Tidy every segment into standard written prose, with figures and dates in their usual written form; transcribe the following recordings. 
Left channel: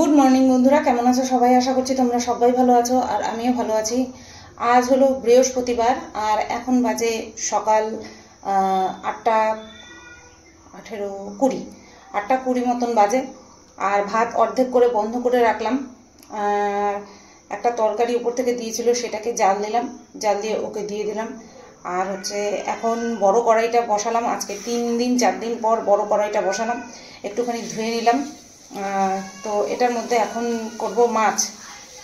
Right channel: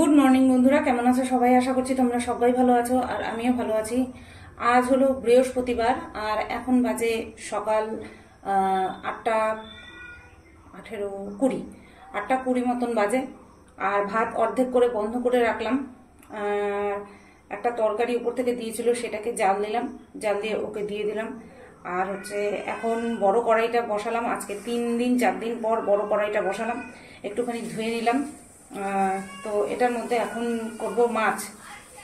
Good morning বন্ধুরা, কেমন আছো সবাই? আশা করছি তোমরা সবাই ভালো আছো আর আমিও ভালো আছি। আজ হলো বৃহস্পতিবার আর এখন বাজে সকাল 8:18-20, 8:20 মতন বাজে। আর ভাত অর্ধেক করে বন্ধ করে রাখলাম। আর একটা তরকারি উপর থেকে দিয়েছিল, সেটাকে জাল দিলাম, জাল দিয়ে ওকে দিয়ে দিলাম। আর এখন বড় কড়াইটা বসালাম। আজকে 3-4 দিন পর বড় কড়াইটা বসালাম, একটুখানি ধুয়ে নিলাম। তো এটার মধ্যে এখন করব মাছ।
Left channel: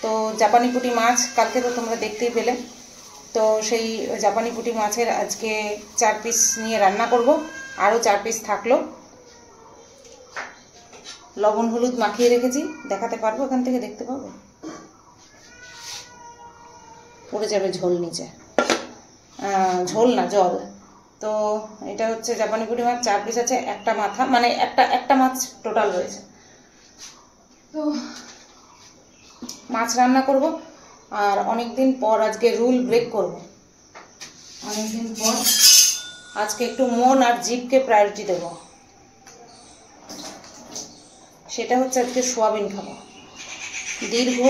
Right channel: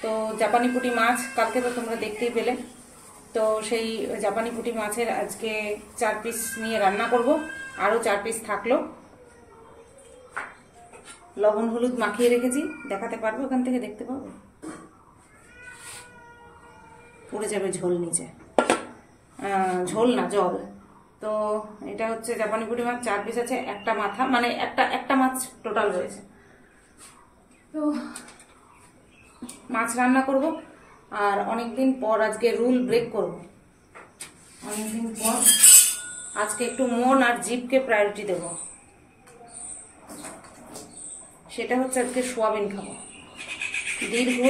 তো জাপানি পুঁটি মাছ কালকে তো তোমরা দেখতেই পেলে। তো সেই জাপানি পুঁটি মাছের আজকে 4 পিস নিয়ে রান্না করব। আরও 4 পিস থাকলো, লবণ হলুদ মাখিয়ে রেখেছি। দেখাতে পারবো? এখান থেকে দেখতে পাবো? পড়ে যাবে ঝোল নিচে, ঝোল না জল। তো এটা জাপানি পুঁটি মাছ 4 পিস আছে, একটা মাথা, মানে একটা মাছ টোটাল রয়েছে। তো মাছ রান্না করব। আর অনেক দিন পর আজকে রুল ব্রেক করব। অনেক দিন পর আজকে একটু মন আর জিভকে প্রায়োরিটি দেব। সেটা আজকে সোয়াবিন খাবো। দীর্ঘ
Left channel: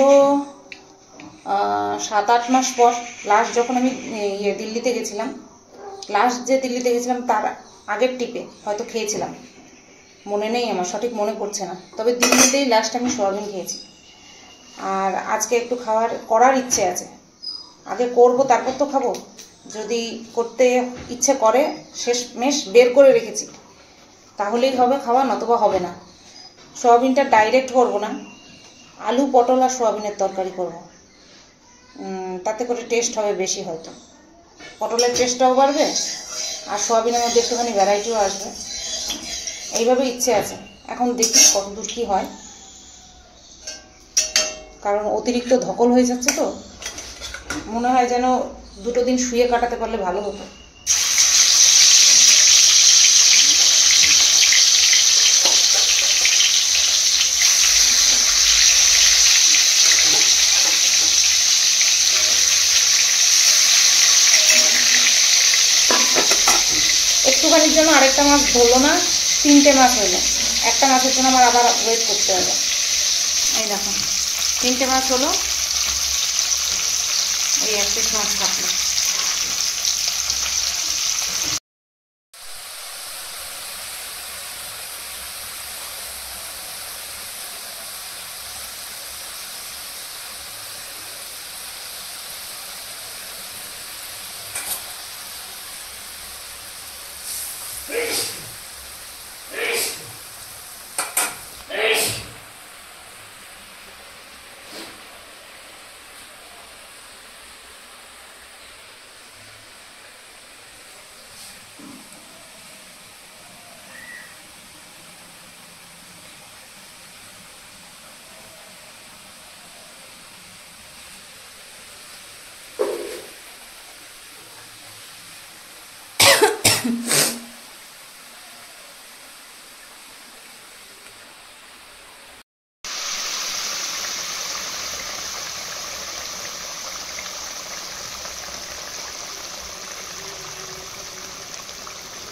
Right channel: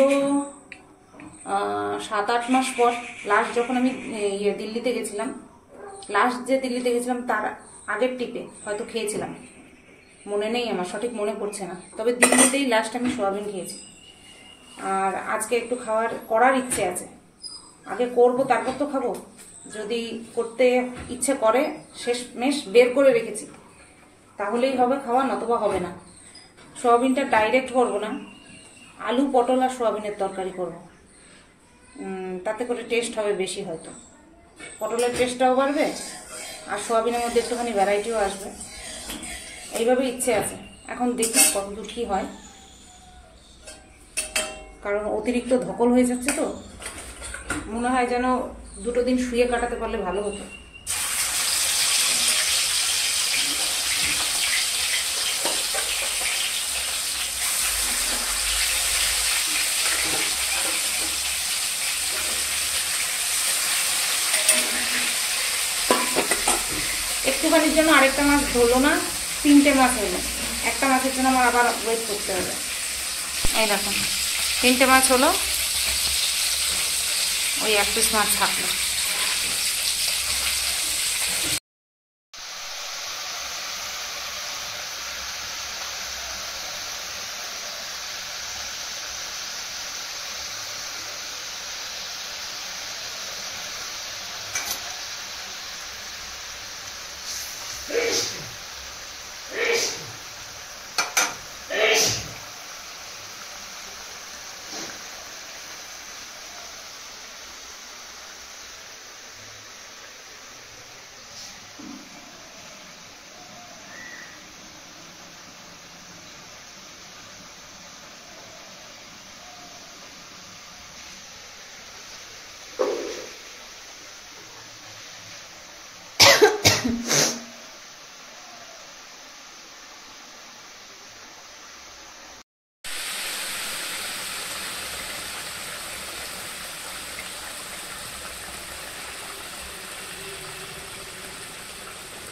7-8 মাস পর লাস্ট যখন আমি দিল্লিতে গেছিলাম, তার আগের টিপে হয়তো খেয়েছিলাম, মনে নেই আমার, সঠিক মনে পড়ছে না। তবে দিল্লিতেই লাস্ট আমি সোয়াবিন খেয়েছি। আর আজকে একটু করার ইচ্ছে আছে। আগে করব, তারপর তো খাবো। যদি করতে ইচ্ছে করে, শেষমেশ বের করে রেখেছি, তাহলেই হবে খাওয়া, নতুবা হবে না। সোয়াবিনটা ডাইরেক্ট করব না, আলু পটল আর সোয়াবিনের তরকারি করব। তাতে করে টেস্ট হবে বেশি, হয়তো পটলের টেস্টটাও বাড়বে আর সোয়াবিনের মধ্যে একটুখানি ভ্যারাইটিও আসবে। এইভাবে ইচ্ছে আছে। এখন দেখি কতদূর কী হয়, কারণ অতিরিক্ত ধকল হয়ে যাচ্ছে। তো মনে হয় যেন 2 দিন শুয়ে কাটাতে পারলে ভালো হতো। একটুখানির জন্য আরেকটা মাছ ধরলো না, 3টে মাছ হলো। একটা মাছের জন্য আমার আবার ওয়েট করতে হবে। এই দেখো, 3টে মাছ হলো, ওই 1 পিস মাছ থাকলো।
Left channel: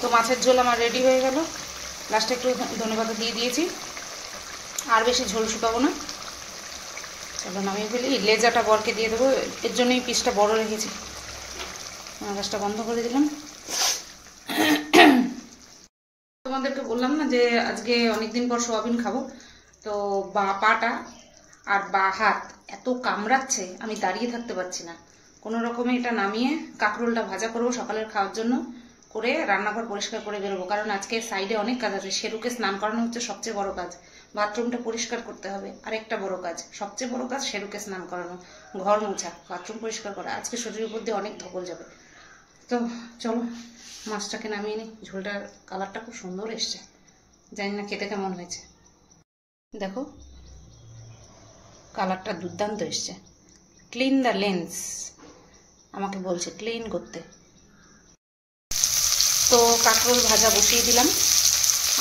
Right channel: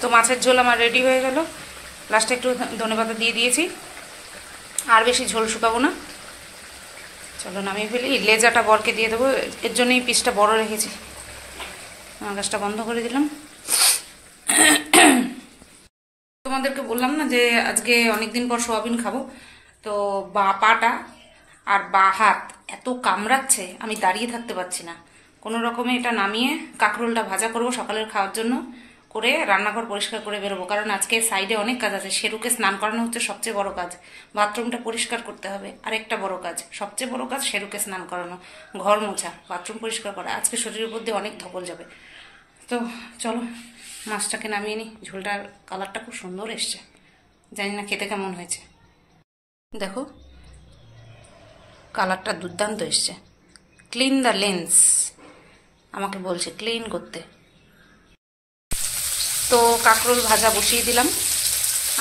তো মাছের ঝোল আমার রেডি হয়ে গেল। লাস্টে একটু ধনেপাতা দিয়ে দিয়েছি। আর বেশি ঝোল শুকাবো না, চলো নামিয়ে ফেলি। লেজাটা বরকে দিয়ে দেবো, এর জন্যই পিসটা বড় রেখেছি। গ্যাসটা বন্ধ করে দিলাম। তোমাদেরকে বললাম না যে আজকে অনেক দিন পর সোয়াবিন খাবো। তো পাটা আর হাত এত কামড়াচ্ছে, আমি দাঁড়িয়ে থাকতে পারছি না। কোনো রকমে এটা নামিয়ে কাঁকরোলটা ভাজা করব সকালের খাওয়ার জন্য, করে রান্নাঘর পরিষ্কার করে বেরোবো। কারণ আজকে সাইডে অনেক কাজ আছে। শেরুকে স্নান করানো সবচেয়ে বড় কাজ, বাথরুমটা পরিষ্কার করতে হবে। আরেকটা বড় কাজ, সবচেয়ে বড় কাজ শেরুকে স্নান করানো, ঘর মোছা, বাথরুম পরিষ্কার করা। আজকে শরীরের উপর দিয়ে অনেক ধকল যাবে। তো চলো মাছটাকে নামিয়ে নিই। ঝোলটার কালারটা খুব সুন্দর এসছে, জানি না খেতে কেমন হয়েছে। দেখো কালারটা দুর্দান্ত এসছে। ক্লিন দ্য লেন্স আমাকে বলছে ক্লিন করতে। তো কাঁকরোল ভাজা বসিয়ে দিলাম।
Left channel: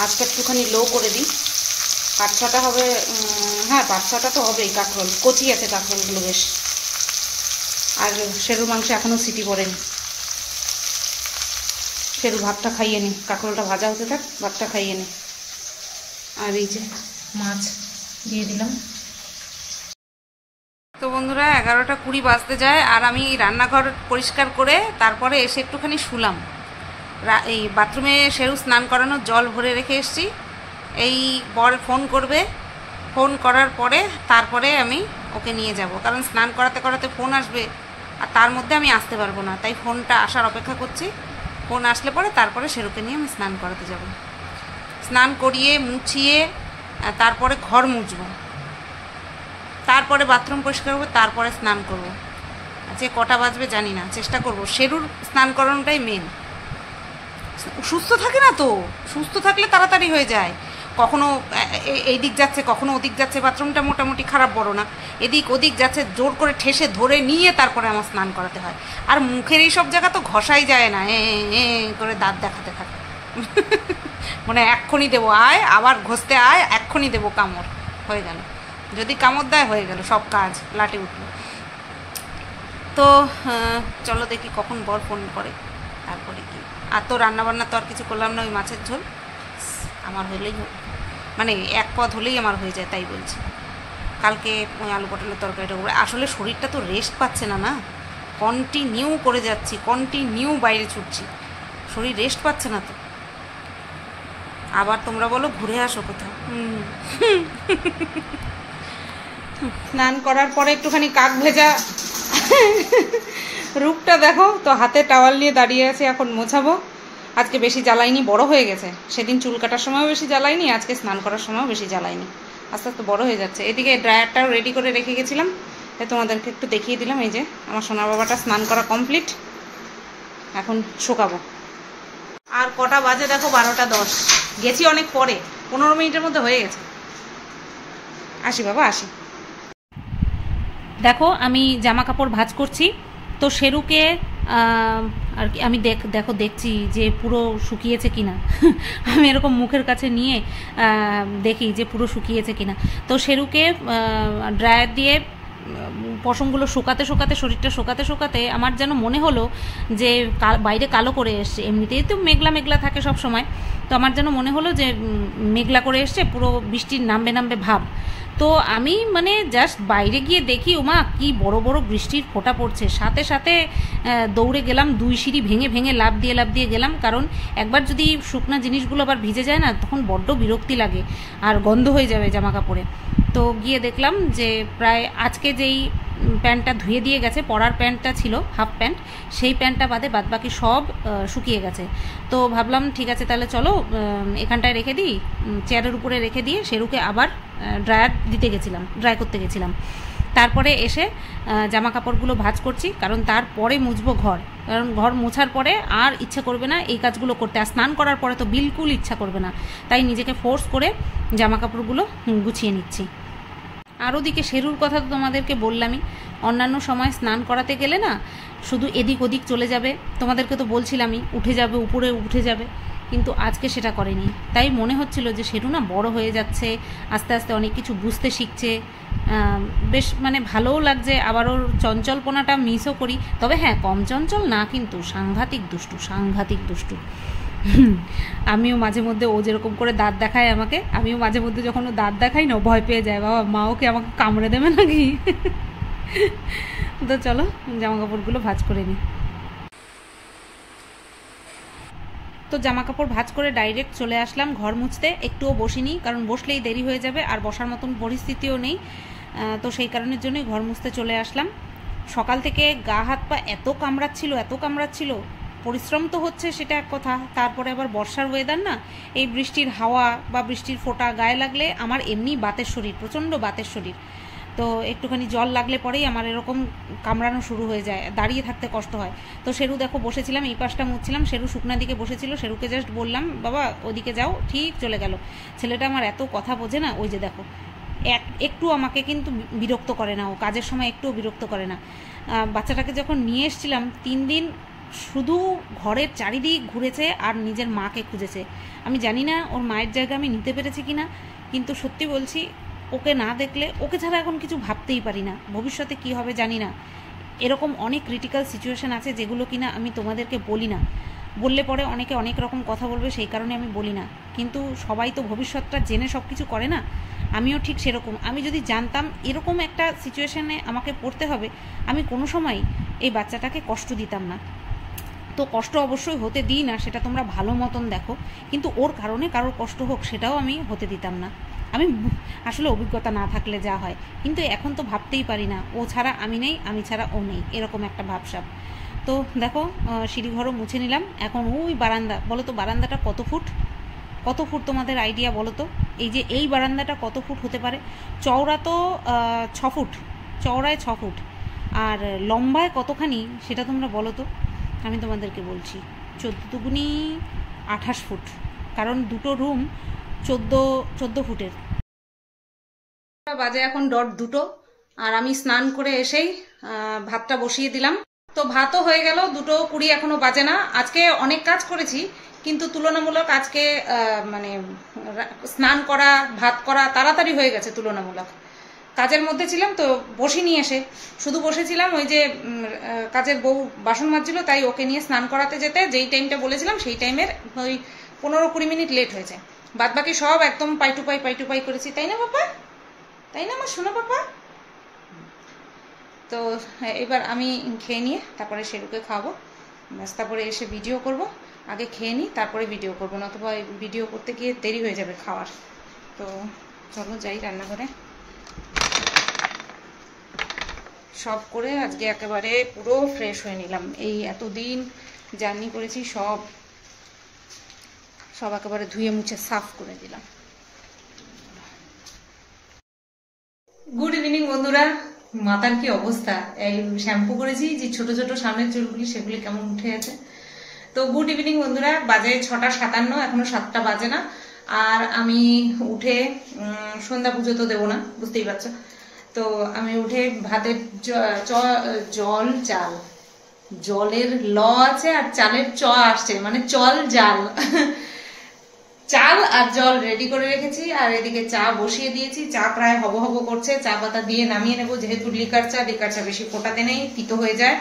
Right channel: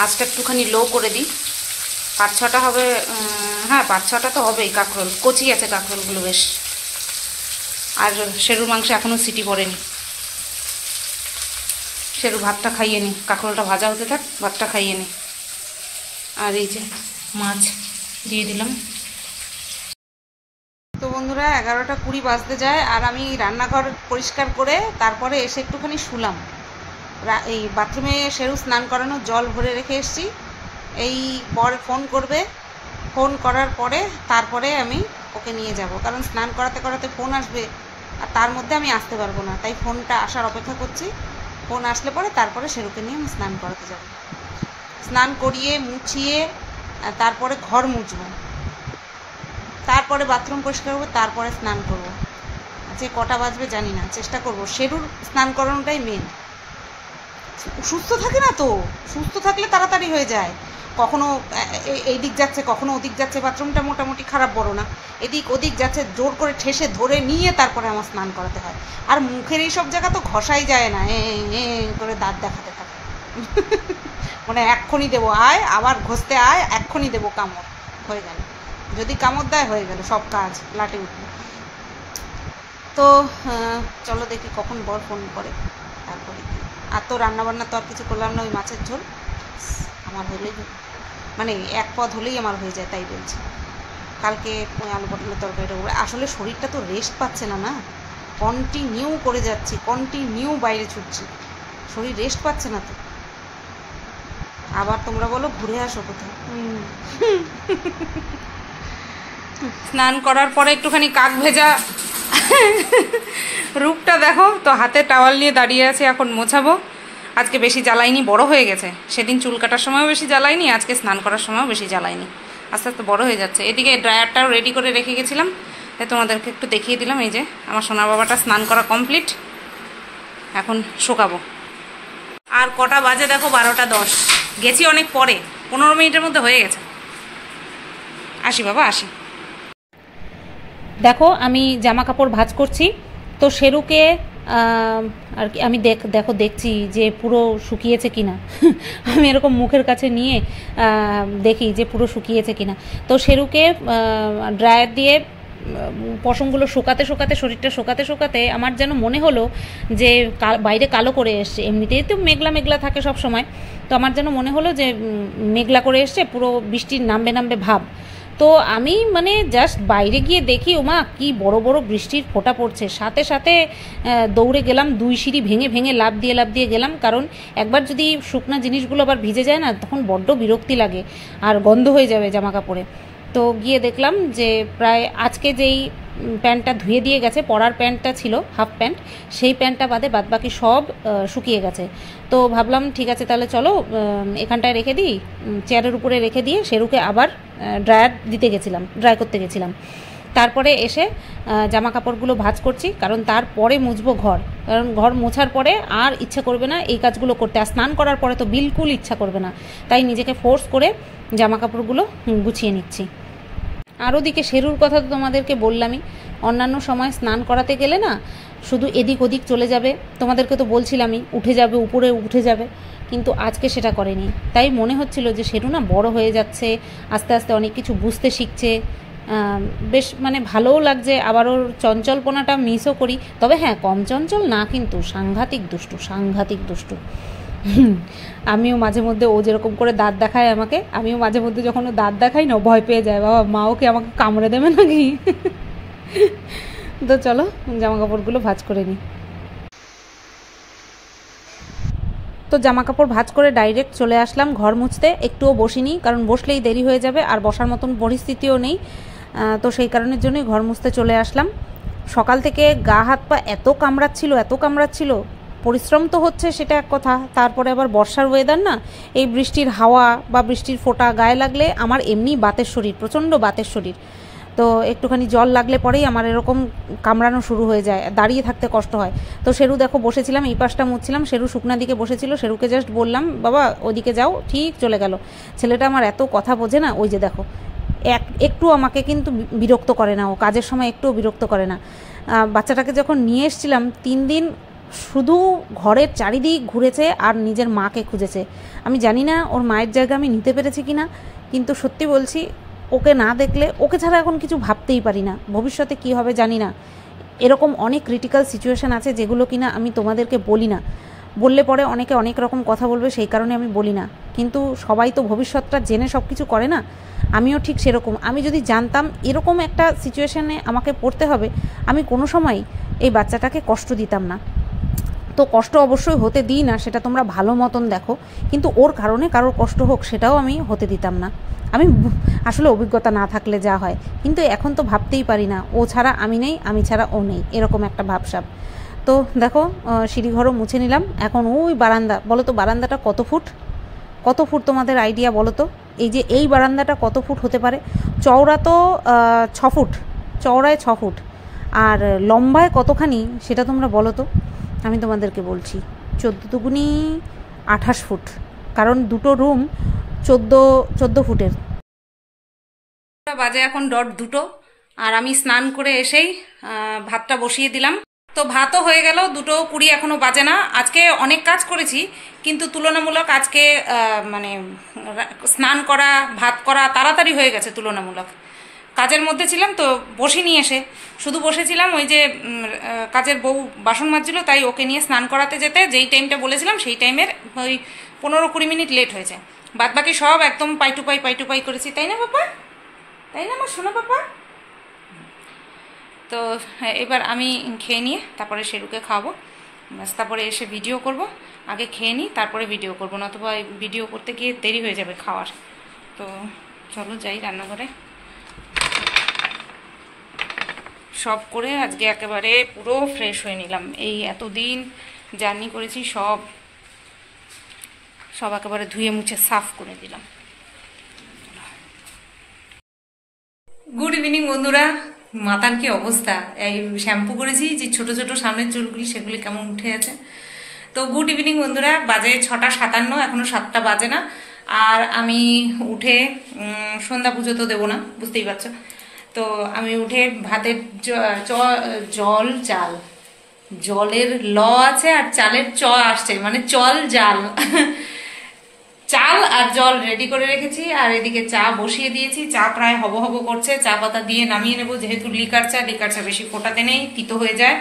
আজটা একটুখানি লো করে দিই। 5-6টা হবে, হ্যাঁ 5-6টা তো হবেই। কাঁকরোল কচি আছে, কাঁকরোলগুলো বেশ। আর শেরুর মাংস এখনও সিটি পড়েনি। শেরু ভাতটা খাইয়ে নি, কাঁকরোলটা ভাজা হতে থাক, ভাতটা খাইয়ে নি। আর এই যে মাছ দিয়ে দিলাম, বন্ধুরা 11:20 বাজতে যায়, আর আমি রান্নাঘর পরিষ্কার করে তারপরে এসে একটুখানি শুলাম। এই বাথরুমে শেরু স্নান করানোর জল ভরে রেখে এসেছি। এই বর ফোন করবে, ফোন করার পরে তারপরে আমি ওকে নিয়ে যাব, কারণ স্নান করাতে করাতে ফোন আসবে আর তার মধ্যে আমি আসতে পারবো না, তাই ফোনটা আসার অপেক্ষা করছি। ফোন আসলে পরে তারপরে শেরুকে নিয়ে আমি স্নান করাতে যাব। স্নান করিয়ে মুছিয়ে তারপরে ঘর মুছবো, তারপরে বাথরুম পরিষ্কার করবো, তারপরে স্নান করব। যে কটা বাজবে জানি না, চেষ্টা করব। শেরুর স্নান করানোটাই মেন। সুস্থ থাকে না তো, সুস্থ থাকলে তাড়াতাড়ি হয়ে যায়। কখনো এই দিক যাচ্ছে, কখনো ওদিক যাচ্ছে, বাথরুমটা মোটামুটি খারাপ বড় না, এদিক ওদিক যাচ্ছে, জোর করে ঠেসে ধরে নিয়ে তারপরে আমার স্নান করাতে হয়। আর মুখের এইসব জায়গা তো ঘষাই যায় না, করে দাঁত দেখাতে থাকে। মানে এক্ষুনি দেবো আয়, আবার ঘষতে আয়, এক্ষুনি দেবো কামড়, হয়ে গেল। যদি কামড় দেয় হয়ে গেল, সব কাজ লাটে উঠলো। তো চলো দেখি কখন বর ফোন করে, তারপরে কি। আর তো রান্নাবান্না তো আর কিছু করলাম না, ওই মাছের ঝোল আমার হলেই, মানে এক পদ হলেই আমার হয়ে যায়, তাই বলছি। কালকে ওই আলু পটলের তরকারিটা করে, আসলে শরীরটা তো রেস্ট পাচ্ছে না, না কন্টিনিউ করে যাচ্ছি, কন্টিনিউ বাইরে ছুটছি, শরীর রেস্ট পাচ্ছে না তো। আবার তোমরা বলো ঘুরে আসো কোথাও। স্নান করার পরে একটুখানি কাক ভেজা রূপটা দেখো তো, হাতে টাওয়াল নিয়ে দাঁড়িয়ে আছে, এখন মোছাবো। আজকে বেশি জ্বালাইনি, বড় হয়ে গেছে। সেদিন চুল কাটার সময়ও বেশি জ্বালাইনি, আজকে স্নান করার সময়ও বেশি জ্বালাইনি, আস্তে আস্তে বড় হয়ে যাচ্ছে। এদিকে ড্রায়ারটাও রেডি করে রেখে গেছিলাম, তাই তোমাদেরকে একটু দেখিয়ে দিলাম। এই যে আমার সোনা বাবাটা স্নান করা কমপ্লিট, এখন শুকাবো। আর কটা বাজে দেখো, 12:10। গেছি অনেক পরে, 15 মিনিটের মধ্যে হয়ে গেছে। আসি বাবা, আসি। দেখো আমি জামা কাপড় ভাঁজ করছি, তো শেরুকে আর কি আমি দেখছি যে পুরো শুকিয়েছে কিনা। আমি এরকম মুখের কাছে নিয়ে দেখি যে পুরো শুকিয়েছে কিনা। তো শেরুকে ড্রায়ার দিয়ে পশমগুলো শুকাতে শুকাতে, শরীরটা শুকাতে শুকাতে আমার যেন মনে হলো যে বাইরে কালো করে এসছে। এমনিতেই তো মেঘলা মেঘলা থাকে সব সময়, তো আমার যেন মনে হলো যে মেঘলা করে এসছে, পুরো বৃষ্টির নামবে নামবে ভাব। তো আমি মানে জাস্ট বাইরে গিয়ে দেখি, ওমা কি বড় বড় বৃষ্টির ফোঁটা পড়ছে। সাথে সাথে দৌড়ে গেলাম, 2 সিঁড়ি ভেঙে ভেঙে লাফ দিয়ে গেলাম, কারণ একবার যদি শুকনা জিনিসগুলো আবার ভিজে যায় না, তখন বড্ড বিরক্তি লাগে আর গন্ধ হয়ে যাবে জামা কাপড়ে। তো গিয়ে দেখলাম যে প্রায় আজকে যেই প্যান্টটা ধুয়ে দিয়ে গেছে, পরার প্যান্টটা ছিল হাফ প্যান্ট, সেই প্যান্টটা বাদবাকি সব শুকিয়ে গেছে। তো ভাবলাম ঠিক আছে, তাহলে চলো এখানটায় রেখে দিই, চেয়ারের উপরে রেখে দিয়ে শেরুকে আবার ড্রাই করতে গেছিলাম। তারপরে এসে জামা কাপড়গুলো ভাঁজ করছি, কারণ তারপরে মুছবো ঘর, কারণ ঘর মোছার পরে আর ইচ্ছা করবে না এই কাজগুলো করতে। আর স্নান করার পরে তো বিলকুল ইচ্ছা করবে না, তাই নিজেকে ফোর্স করে জামা কাপড়গুলো গুছিয়ে নিচ্ছি। আর ওদিকে শেরুর কথা তো তোমাদেরকে বললামই, অন্যান্য সময় স্নান করাতে গেলে না শুধু এদিক ওদিক চলে যাবে, তোমাদেরকে তো বলছিলামই উঠে যাবে, উপরে উঠে যাবে, কিন্তু আজকে সেটা করেনি। তাই মনে হচ্ছিল যে শেরু না বড় হয়ে যাচ্ছে, আস্তে আস্তে অনেক কিছু বুঝতে শিখছে, বেশ মানে ভালোও লাগছে। আবার ওর চঞ্চলপনাটা মিসও করি, তবে হ্যাঁ কম চঞ্চল না, কিন্তু সাংঘাতিক দুষ্টু। আমিও মাঝে মধ্যে, ও যেরকম করে দাঁত দেখায় আমাকে, আমিও মাঝে মধ্যে যখন ও দাঁত দেখাই না, ভয় পেয়ে যায়, বাবা মা ওকে আমাকে কামড়ে দেবে নাকি। তো চলো জামা কাপড়গুলো ভাঁজ করে নিই। তো জামা কাপড় ভাঁজ করে ডাইরেক্ট চলে আসলাম ঘর মুছতে, একটুও বসিনি, কারণ বসলেই দেরি হয়ে যাবে, আর বসার মতন পরিস্থিতিও নেই। তো সেই কারণের জন্যই ঘর মুছতে চলে আসলাম। সকাল থেকে গা হাত পা এত কামড়াচ্ছিল, পরিশ্রম তো হচ্ছে সেটা এক কথা, তারপরে আবার বর্ষার ওয়েদার না, এই বৃষ্টির হাওয়া বা বৃষ্টির ফোঁটা গায়ে লাগলে আমার এমনি বাতের শরীর, প্রচণ্ড বাতের শরীর। তো একটুখানি জল লাগলে পরেই আমার এরকম কামড়ানো শুরু হয়ে যায়, দাঁড়িয়ে থাকতে কষ্ট হয়। তো শেরু দেখো বসেছিলাম, এই পাশটা মুছছিলাম, শেরু শুকনা দিকে বসেছিল, শেরুকে জাস্ট বললাম বাবা ওদিকে যাও, ঠিক চলে গেল। ছেলেটা আমার এত কথা বোঝে না, ওই যে দেখো একটু আমাকে কিন্তু বিরক্ত করে না, ও কাজের সময় একটুও বিরক্ত করে না। বাচ্চাটাকে যখন নিয়ে এসেছিলাম 3 দিন শুধু ঘরের চারিদিক ঘুরেছে আর নিজের মাকে খুঁজেছে। আমি জানি না ওর মায়ের জায়গা আমি নিতে পেরেছি কিনা, কিন্তু সত্যি বলছি ওকে না দেখলে, ওকে ছাড়া এখন কিছু ভাবতেই পারি না, ভবিষ্যতে কি হবে জানি না। এরকম অনেক ক্রিটিক্যাল সিচুয়েশান আছে যেগুলো কিনা আমি তোমাদেরকে বলি না, বললে পরে অনেকে অনেক রকম কথা বলবে, সেই কারণে আমি বলি না। কিন্তু সবাই তো ভবিষ্যৎটা জেনে সব কিছু করে না, আমিও ঠিক সেরকম। আমি যদি জানতাম এরকম একটা সিচুয়েশানে আমাকে পড়তে হবে, আমি কোনো সময় এই বাচ্চাটাকে কষ্ট দিতাম না। তো কষ্ট অবশ্যই হতে দিই না, সেটা তোমরা ভালো মতন দেখো, কিন্তু ওর কারণে কারোর কষ্ট হোক সেটাও আমি হতে দিতাম না। আমি আসলে অভিজ্ঞতা না থাকলে যা হয়, কিন্তু এখন তো ভাবতেই পারি না, ও ছাড়া আমি নেই, আমি ছাড়া ও নেই, এরকম একটা ভাবসাব। তো দেখো সিঁড়িঘরও মুছে নিলাম। এখন ওই বারান্দা, বলো তো বারান্দাটা কত ফুট, কত ফুট তোমাদের আইডিয়া বলো তো? এই যে এই বারান্দাটা কত ফুট হতে পারে? চওড়া তো 6 ফুট, চওড়ায় 6 ফুট, আর লম্বায় কতখানি সেটা তোমরা বলো তো? আমি তোমাদেরকে বলছি, 14 দুগুনি 28 ফুট, কারণ দুটো রুম 14 ফুটের। বাজে এখন 2:30, আর আমি স্নান করে এসেই ভাতটা বসিয়ে দিলাম। তো ভাতও হয়ে গেল, 2:20 এখনো বাজে না। আজকে অনেক কাজ করেছি, কিন্তু তুলনামূলক আজকে মানে স্নান করা ভাত করা তাড়াতাড়ি হয়ে গেছে। তুলনামূলক কাজের মধ্যে ছিলাম তো বসিনি, এসে শুধু বসেছিলাম। ওই যে কাজের বউ বাসন মাজছিল, তাই ওকে নিয়ে স্নান করাতে যেতে যেই টাইমটা বলেছিলাম সেই টাইমের ওই 15-20 মিনিট লেট হয়েছে। বাদ বাকি সব একদম পাই টু পাই করেছি, তাই না বাবা? তাই না আমার শোনা বাবা? তো এবার আমি খেয়ে নিয়ে তারপরে শেরুকে খাওয়াবো, ব্যাস তারপরে এসে ভিডিও করব। আগে খেয়ে নিই তারপরে ভিডিও করবো, নতুবা ভিডিও করতে গিয়ে দেরি হয়ে যাবে খাওয়ার। তো চলো যাই রান্নাঘরে। সব করে আজকে একেবারে পুরো ফ্রেশ হয়ে নিলাম। এই এতদিন জার্নি করেছি, সব একেবারে ধুয়ে মুছে সাফ করে দিলাম। গুড ইভিনিং বন্ধুরা। মাথার কি অবস্থা, এই শ্যাম্পু করেছি যে ছোট ছোট সামনের চুলগুলি, সেগুলি কেমন উঠে আছে। তো গুড ইভিনিং বন্ধুরা, বাজে 6:57, এখনো 7টা বাজে না। আর আমি উঠে সন্ধ্যা পুজো তো দেবো না, বুঝতেই পারছো। তো আমি উঠে ভাতের জলের ল আছে আর চালের চ আসছে, মানে চল জাল চাল আর জল রেডি করে রেখেছি, আর এদিকে চা বসিয়ে দিয়েছি। চা প্রায় হব হব করছে, চা পাতা দিয়ে নামিয়ে নেবো, যেহেতু লিকার চা বেশি ফোটাতে নেই, তিতো হয়ে যায়।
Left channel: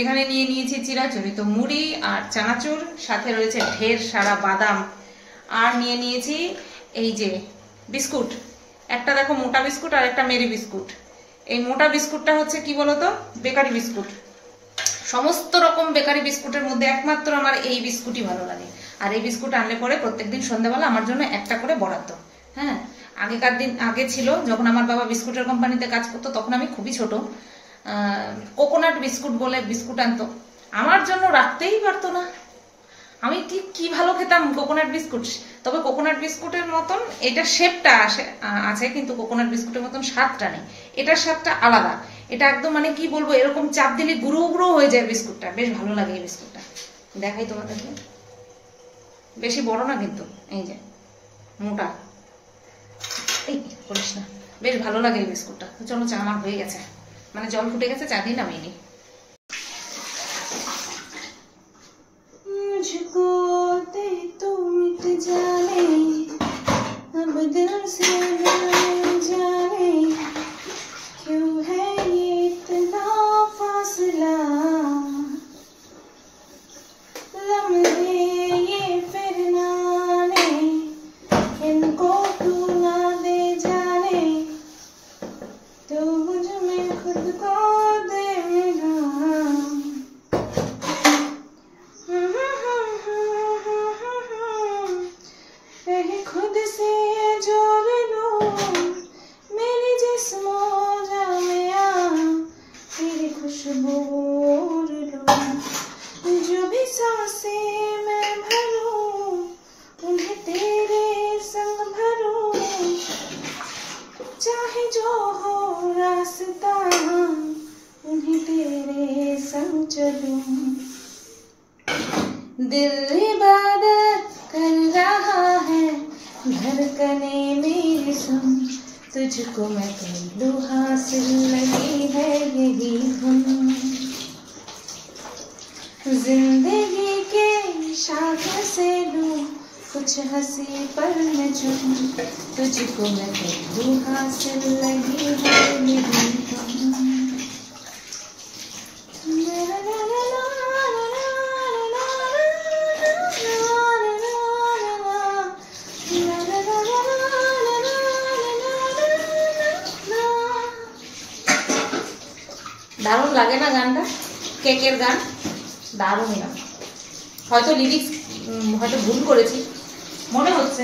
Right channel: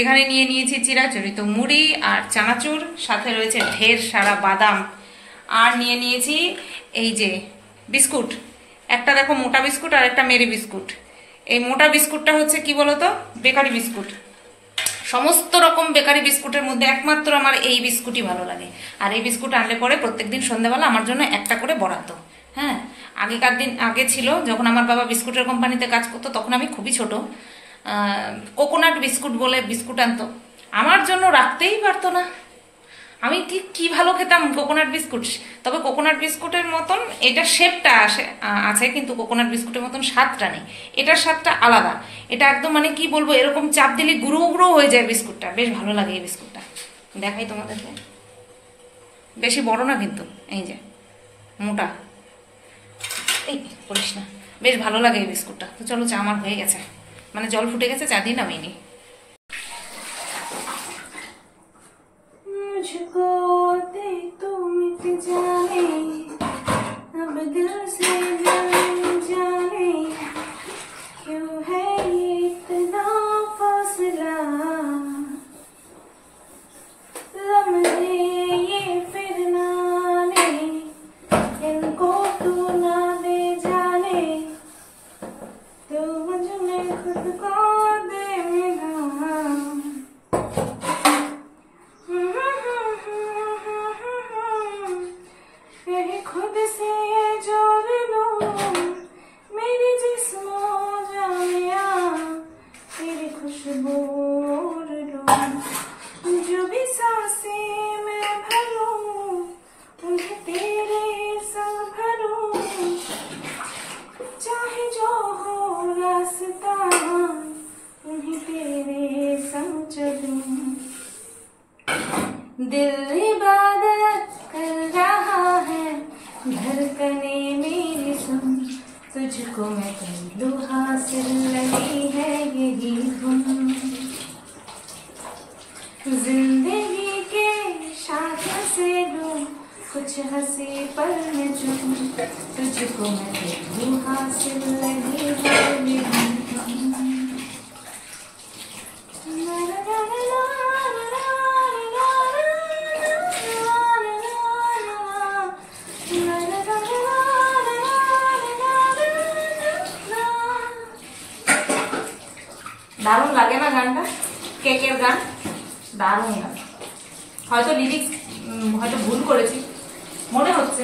এখানে নিয়ে নিয়েছি চিরাচরিত মুড়ি আর চানাচুর, সাথে রয়েছে ঢের সারা বাদাম, আর নিয়ে নিয়েছি এই যে বিস্কুট। একটা দেখো মোটা বিস্কুট আর একটা মেরি বিস্কুট। এই মোটা বিস্কুটটা হচ্ছে কি বলতো, বেকারি বিস্কুট। সমস্ত রকম বেকারি বিস্কুটের মধ্যে একমাত্র আমার এই বিস্কুটই ভালো লাগে। আর এই বিস্কুট আনলে পরে প্রত্যেকদিন সন্ধ্যাবেলা আমার জন্য একটা করে বরাদ্দ। হ্যাঁ, আগে ছিল যখন আমার বাবা বিস্কুটের কোম্পানিতে কাজ করতো, তখন আমি খুবই ছোট, কোকোনাট বিস্কুট বলে বিস্কুট আনতো, আমার জন্য রাখতেই পারতো না। আমি কি ভালো খেতাম কোকোনাট বিস্কুট। তবে কোকোনাট বিস্কুটের মতন এটা শেপটা আছে, কিন্তু কোকোনাট বিস্কুটের মতন স্বাদটা নেই। এটার স্বাদটা আলাদা, এটা একদম মানে কি বলবো, এরকম চাপ দিলে গুঁড়ো গুঁড়ো হয়ে যায় বিস্কুটটা। বেশ ভালো লাগে এই বিস্কুটটা, দেখাই তোমাদেরকে। বেশি বড় না কিন্তু, এই যে মোটা, এই বলিস না, বেশ ভালো লাগে এই বিস্কুটটা। তো চলো, চা আমার হয়ে গেছে, মানে জল ফুটে গেছে, চা দিয়ে নামিয়ে নি। मुझको दे तू मिट जाने, अब दिल से दिल जाने, क्यों है ये इतना फासला, लम्हे ये फिर ना आने, इनको तू ना दे जाने, तो मुझ में खुद को दे मिला। खुद से जोड़ लो मेरी जिस्मो जाया, तेरी खुशबू ओढ़ लो, जो भी सांसें मैं भरूं उन्हें तेरे संग भरूं, चाहे जो हो रास्ता उन्हें तेरे संग चलूं। दिल इबादत कर रहा है, धड़कने मेरी सुन, तुझको मैं कर लूं हासिल, लगी है यही धुन। जिंदगी के साथ से लूं कुछ हंसी पल में चुन, तुझको मैं कर लूं हासिल, लगी है यही धुन। দারুণ লাগে না গানটা? কেকের গান দারুণ গান। হয়তো লিরিক্স হয়তো ভুল করেছি মনে হচ্ছে,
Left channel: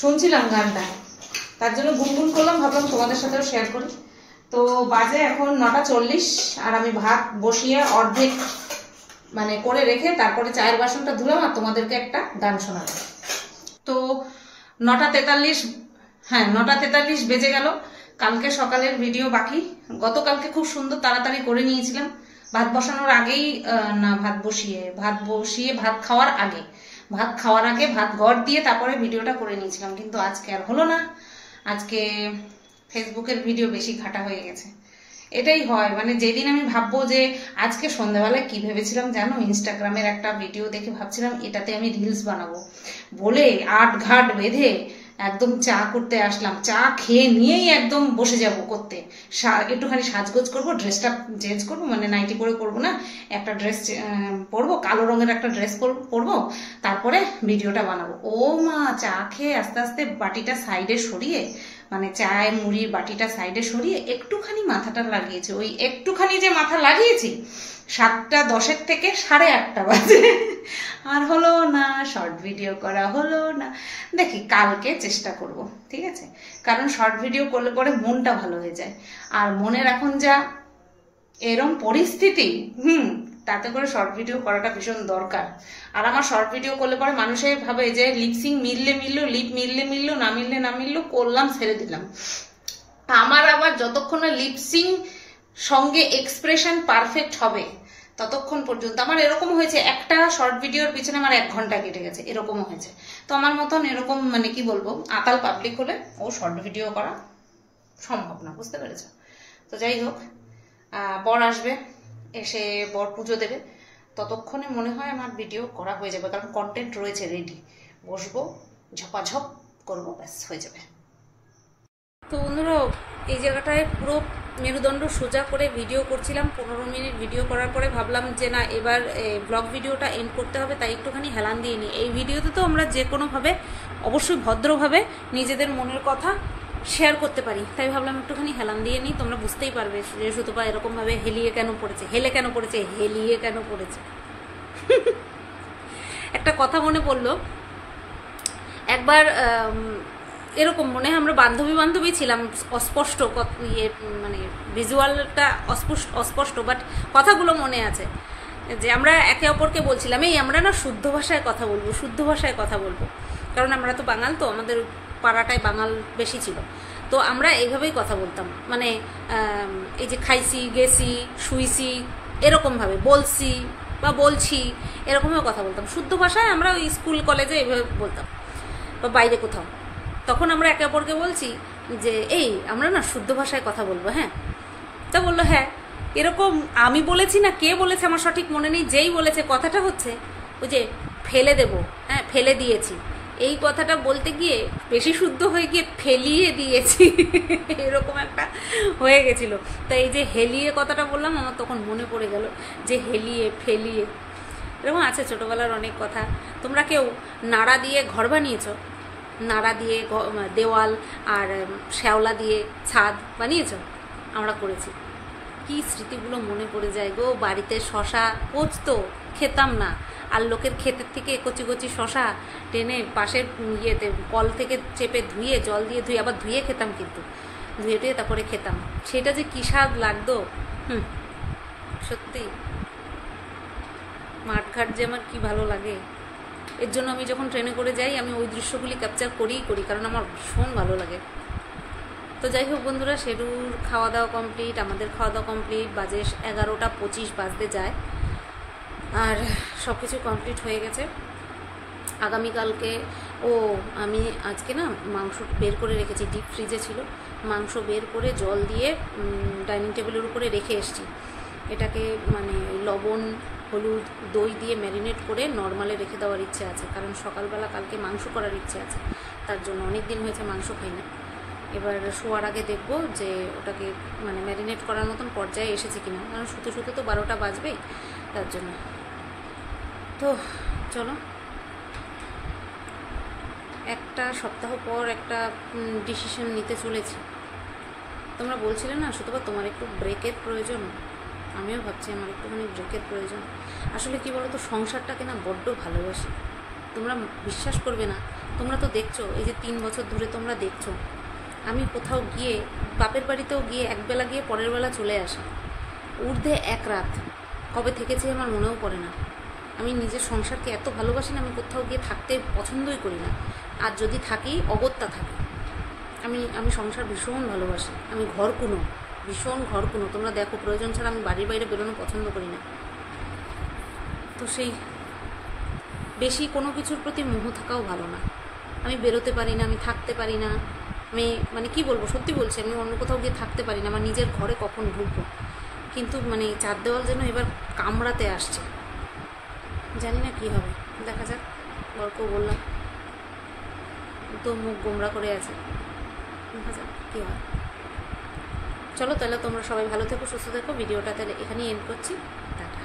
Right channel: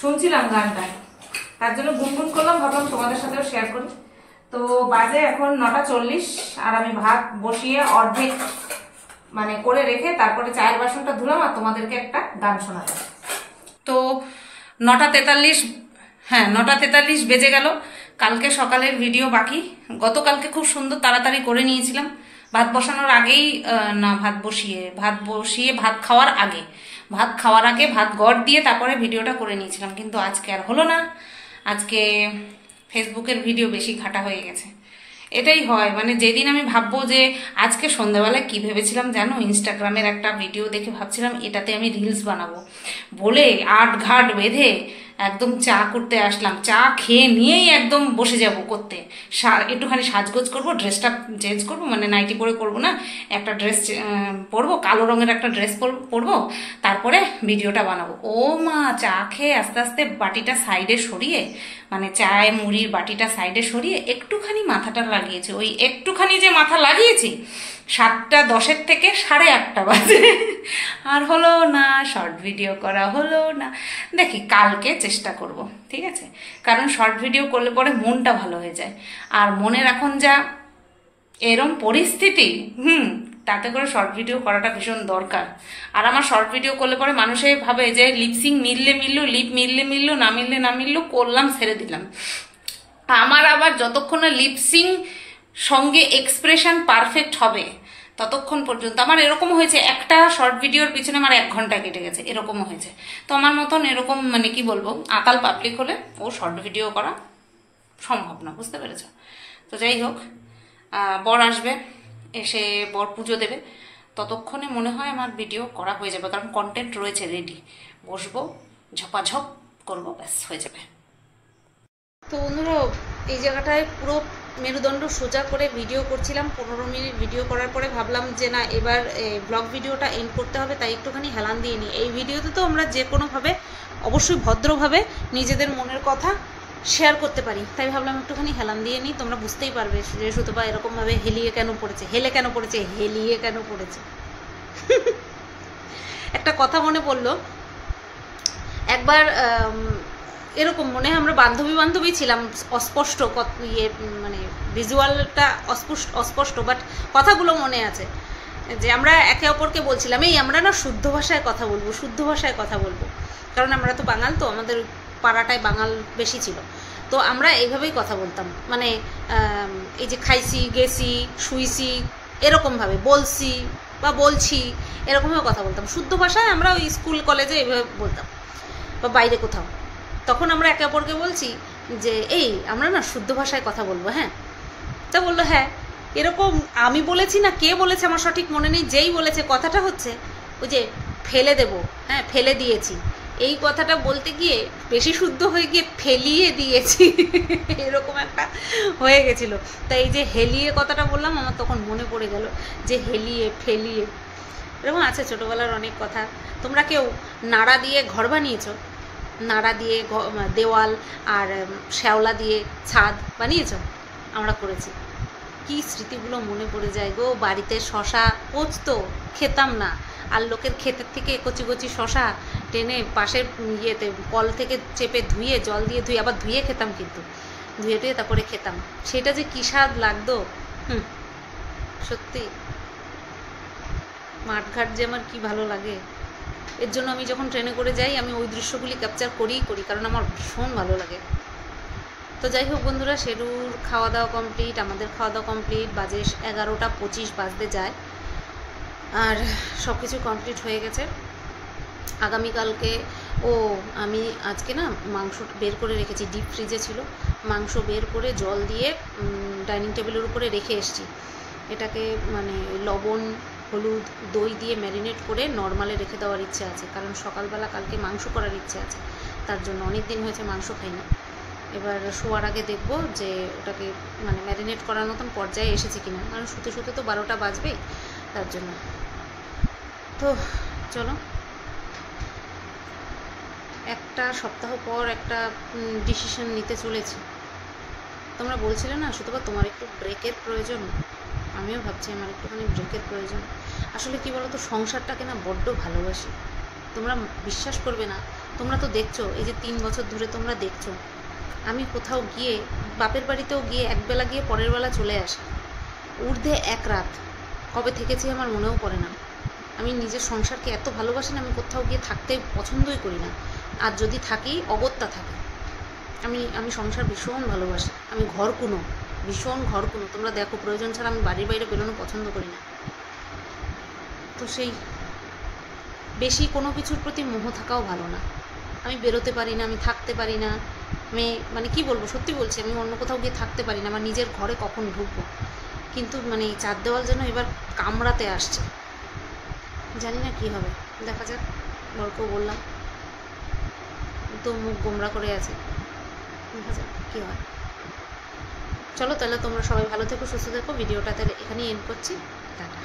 শুনছিলাম গানটা তার জন্য গুনগুন করলাম, ভাবলাম তোমাদের সাথেও শেয়ার করি। তো বাজে এখন 9:40 আর আমি ভাত বসিয়ে অর্ধেক মানে করে রেখে তারপরে চায়ের বাসনটা ধুলাম আর তোমাদেরকে একটা গান শোনালাম। তো 9:43, হ্যাঁ 9:43 বেজে গেল। কালকে সকালের ভিডিও বাকি, গতকালকে খুব সুন্দর তাড়াতাড়ি করে নিয়েছিলাম ভাত বসানোর আগেই, না ভাত বসিয়ে ভাত খাওয়ার আগে, ভাত গড় দিয়ে তারপরে ভিডিওটা করে নিয়েছিলাম, কিন্তু আজকে আর হলো না। আজকে ফেসবুকের ভিডিও বেশি ঘাটা হয়ে গেছে। এটাই হয়, মানে যেদিন আমি ভাববো যে আজকে সন্ধ্যাবেলায় কি ভেবেছিলাম জানো, ইনস্টাগ্রামের একটা ভিডিও দেখে ভাবছিলাম এটাতে আমি রিলস বানাবো বলে আট ঘাট বেঁধে একদম চা করতে আসলাম, চা খেয়ে নিয়েই একদম বসে যাব করতে, একটুখানি সাজগোজ করবো, ড্রেসটা চেঞ্জ করবো, মানে নাইটি পরে করবো না, একটা ড্রেস পরবো, কালো রঙের একটা ড্রেস পরবো, তারপরে ভিডিওটা বানাবো। ও মা, চা খেয়ে আস্তে আস্তে বাটিটা সাইডে সরিয়ে, মানে চায় মুড়ির বাটিটা সাইডে সরিয়ে একটুখানি মাথাটা লাগিয়েছি, ওই একটুখানি যে মাথা লাগিয়েছি 7:10 থেকে 8:30 বাজে, আর হলো না, শর্ট ভিডিও করা হলো না। দেখি কালকে চেষ্টা করব, ঠিক আছে? কারণ শর্ট ভিডিও করলে পরে মনটা ভালো হয়ে যায়, আর মনের এখন যা এরম পরিস্থিতি, তাতে করে শর্ট ভিডিও করাটা ভীষণ দরকার। আর আমার শর্ট ভিডিও করলে পরে মানুষে ভাবে যে লিপসিং মিললে মিললো, লিপ মিললে মিললো, না মিললে না মিললো, করলাম ছেড়ে দিলাম। আমার আবার যতক্ষণ না লিপসিং সঙ্গে এক্সপ্রেশন পারফেক্ট হবে ততক্ষণ পর্যন্ত, আমার এরকম হয়েছে একটা শর্ট ভিডিওর পিছনে আমার 1 ঘন্টা কেটে গেছে, এরকমও হয়েছে। তো আমার মতন এরকম মানে কি বলবো, আতাল পাবলিক হলে ও শর্ট ভিডিও করা সম্ভব না, বুঝতে পেরেছ? তো যাই হোক, বর আসবে, এসে বর পুজো দেবে, ততক্ষণে মনে হয় আমার ভিডিও করা হয়ে যাবে, কারণ কন্টেন্ট রয়েছে রেডি, বসবো ঝপাঝপ করবো, ব্যাস হয়ে যাবে। তো বন্ধুরা, এই জায়গাটায় পুরো মেরুদণ্ড সোজা করে ভিডিও করছিলাম, 15 মিনিট ভিডিও করার পরে ভাবলাম যে না, এবার ব্লগ ভিডিওটা এন্ড করতে হবে, তাই একটুখানি হেলান দিয়ে নিই। এই ভিডিওতে তো আমরা যে কোনোভাবে অবশ্যই ভদ্রভাবে নিজেদের মনের কথা শেয়ার করতে পারি, তাই ভাবলাম একটুখানি হেলান দিয়ে নিই, তোমরা বুঝতেই পারবে যে সুতপা এরকমভাবে হেলিয়ে কেন পড়েছে, হেলিয়ে কেন পড়েছে। একটা কথা মনে পড়লো, একবার এরকম মনে হয় আমরা বান্ধবী ছিলাম, অস্পষ্ট ইয়ে মানে ভিজুয়ালটা অস্পষ্ট, বাট কথাগুলো মনে আছে, যে আমরা একে অপরকে বলছিলাম এই আমরা না শুদ্ধ ভাষায় কথা বলবো, কারণ আমরা তো বাঙাল, তো আমাদের পাড়াটায় বাঙাল বেশি ছিল, তো আমরা এইভাবেই কথা বলতাম, মানে এই যে খাইছি, গেছি, শুইছি, এরকমভাবে বলছি বা বলছি, এরকমভাবে কথা বলতাম। শুদ্ধ ভাষায় আমরা ওই স্কুল কলেজে এইভাবে বলতাম, বা বাইরে কোথাও। তখন আমরা একে অপরকে বলছি যে এই আমরা না শুদ্ধ ভাষায় কথা বলবো, হ্যাঁ? তা বললো হ্যাঁ। এরকম আমি বলেছি না কে বলেছে আমার সঠিক মনে নেই, যেই বলেছে কথাটা হচ্ছে ওই যে ফেলে দেব, হ্যাঁ ফেলে দিয়েছি, এই কথাটা বলতে গিয়ে বেশি শুদ্ধ হয়ে গিয়ে ফেলিয়ে দিয়েছি, এরকম একটা হয়ে গেছিল। তাই এই যে হেলিয়ে কথাটা বললাম, আমার তখন মনে পড়ে গেল যে হেলিয়ে ফেলিয়ে, এরকম আছে ছোটোবেলার অনেক কথা। তোমরা কেউ নাড়া দিয়ে ঘর বানিয়েছো? নাড়া দিয়ে দেওয়াল আর শ্যাওলা দিয়ে ছাদ বানিয়েছো? আমরা করেছি। কি স্মৃতিগুলো মনে পড়ে যায় গো। বাড়িতে শশা পচতো, খেতাম না, আর লোকের ক্ষেতের থেকে কচি কচি শশা টেনে পাশের ইয়েতে কল থেকে চেপে ধুয়ে, জল দিয়ে ধুয়ে, আবার ধুয়ে খেতাম, কিন্তু ধুয়ে টুয়ে তারপরে খেতাম, সেটা যে কী স্বাদ লাগতো। সত্যি মাঠঘাট যে আমার কী ভালো লাগে। এর জন্য আমি যখন ট্রেনে করে যাই আমি ওই দৃশ্যগুলি ক্যাপচার করি, কারণ আমার ভীষণ ভালো লাগে। তো যাই হোক বন্ধুরা, শেরুর খাওয়া দাওয়া কমপ্লিট, আমাদের খাওয়া দাওয়া কমপ্লিট, বাজে 11:25 বাজতে যায়, আর সব কিছু কমপ্লিট হয়ে গেছে। আগামীকালকে আমি আজকে না মাংস বের করে রেখেছি, ডিপ ফ্রিজে ছিল, মাংস বের করে জল দিয়ে ডাইনিং টেবিলের উপরে রেখে এসেছি। এটাকে মানে লবণ, হলুদ, দই দিয়ে ম্যারিনেট করে নর্মালে রেখে দেওয়ার ইচ্ছে আছে, কারণ সকালবেলা কালকে মাংস করার ইচ্ছে আছে, তার জন্য। অনেক দিন হয়েছে মাংস খাই না। এবার শোয়ার আগে দেখব যে ওটাকে মানে ম্যারিনেট করার মতন পর্যায়ে এসেছে কিনা, কারণ শুতে শুতে তো 12টা বাজবেই, তার জন্য। তো চলো, একটা সপ্তাহ পর একটা ডিসিশন নিতে চলেছি। তোমরা বলছিলে না সুতপা তোমার একটু ব্রেকের প্রয়োজন, আমিও ভাবছি আমার একটুখানি ব্রেকের প্রয়োজন। আসলে কি বলো তো, সংসারটাকে না বড্ড ভালোবাসি। তোমরা বিশ্বাস করবে না, তোমরা তো দেখছো এই যে 3 বছর ধরে তোমরা দেখছো আমি কোথাও গিয়ে, বাপের বাড়িতেও গিয়ে একবেলা গিয়ে পরের বেলা চলে আসি, ঊর্ধ্বে এক রাত কবে থেকেছি আমার মনেও পড়ে না। আমি নিজের সংসারকে এত ভালোবাসি না, আমি কোথাও গিয়ে থাকতে পছন্দই করি না, আর যদি থাকি অগত্যা থাকি। আমি সংসার ভীষণ ভালোবাসি, আমি ঘরকুনো, ভীষণ ঘরকুনো। তোমরা দেখো প্রয়োজন ছাড়া আমি বাড়ির বাইরে বেরোনো পছন্দ করি না। তো সেই বেশি কোনো কিছুর প্রতি মোহ থাকাও ভালো না। আমি বেরোতে পারি না, আমি থাকতে পারি না, আমি মানে কি বলবো, সত্যি বলছি, আমি অন্য কোথাও গিয়ে থাকতে পারি না। আমার নিজের ঘরে কখন ঢুকবো, কিন্তু মানে চার দেওয়াল যেন এবার কামড়াতে আসছে, জানি না কী হবে, দেখা যাক। বরকেও বললাম, তো মুখ গোমরা করে আছে, দেখা যাক কী হয়। চলো তাহলে তোমরা সবাই ভালো থেকো, সুস্থ থেকো। ভিডিওটা তাহলে এখানেই এন্ড করছি, টাটা।